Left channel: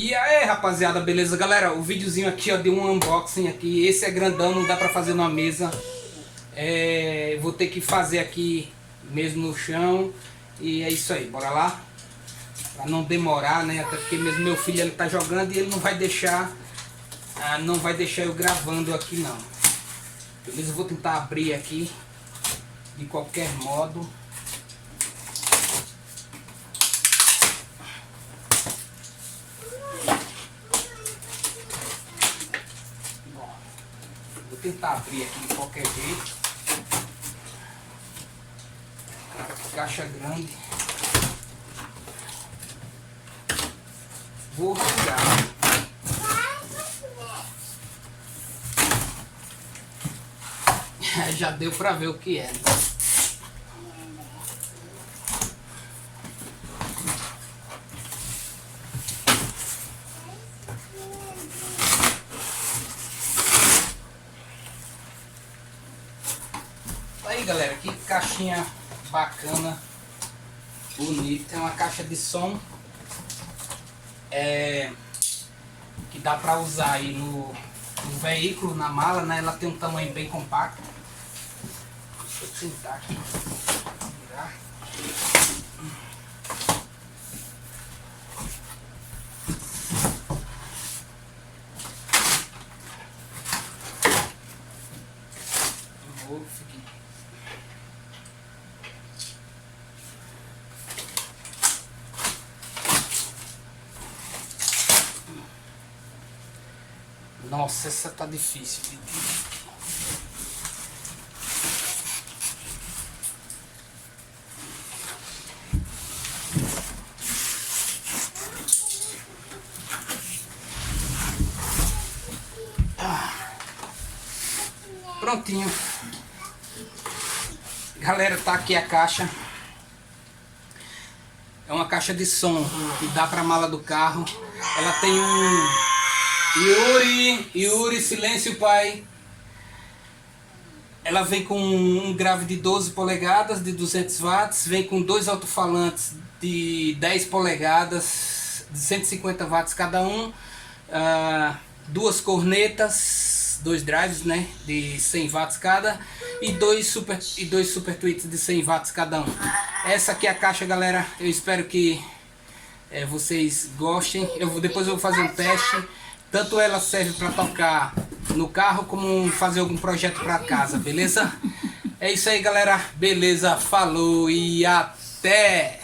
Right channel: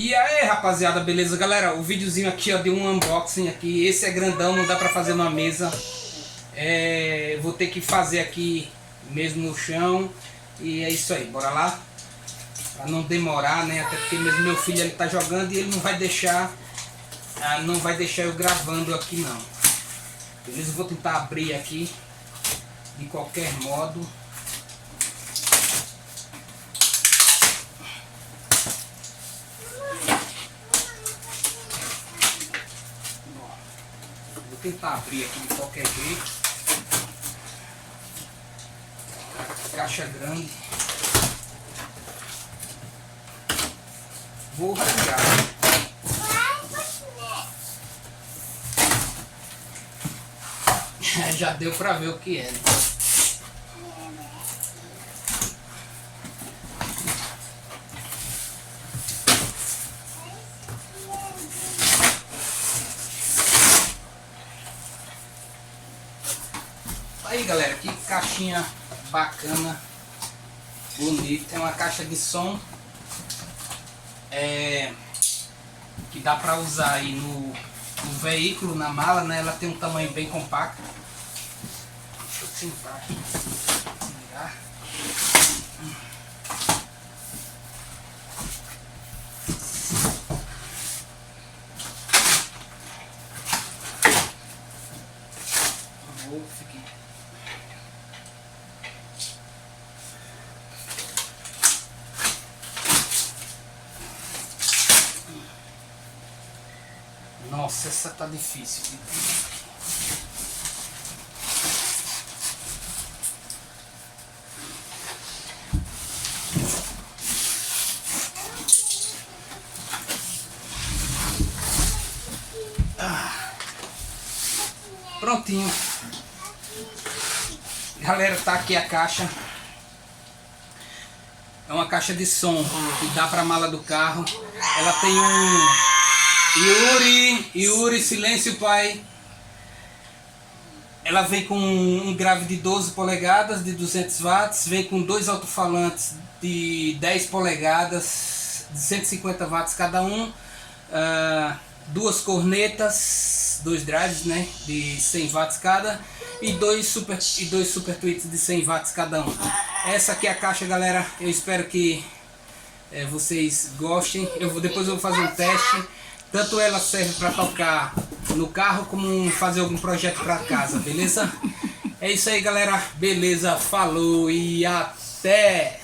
E aí, rapaziada, beleza? Galera, o videozinho aqui, ó, de um unboxing aqui. Esse é grandão, não dá pra fazer numa mesa. Vou ter que fazer aqui mesmo no chão. E é isso aí, bora lá. Pra não demorar, né? Até porque mesmo meu filho, ele tá jogando e ele não vai deixar eu gravando aqui, não. Beleza? Eu vou tentar abrir aqui de qualquer modo. Vou tentar abrir aqui de qualquer jeito. Caixa grande. Vou rasgar. Já deu pra ver o que é. Aí, galera, que caixinha bacana, bonita. É uma caixa de som que dá pra usar aí no veículo, na mala, né? Ela tem um tamanho bem compacto. Deixa eu sentar aqui. Virar. Nossa, essa tá difícil. Prontinho. Galera, tá aqui a caixa. É uma caixa de som que dá pra mala do carro. Ela tem um... Yuri, silêncio, pai. Ela vem com um grave de 12 polegadas, de 200 watts. Vem com dois alto-falantes de 10 polegadas, de 150 watts cada um. Duas cornetas, dois drives, né, de 100 watts cada. E dois super tweets de 100 watts cada um. Essa aqui é a caixa, galera. Eu espero que vocês gostem. Depois eu vou fazer um teste. Tanto ela serve para tocar no carro como fazer algum projeto para casa, beleza? É isso aí, galera. Beleza, falou e até!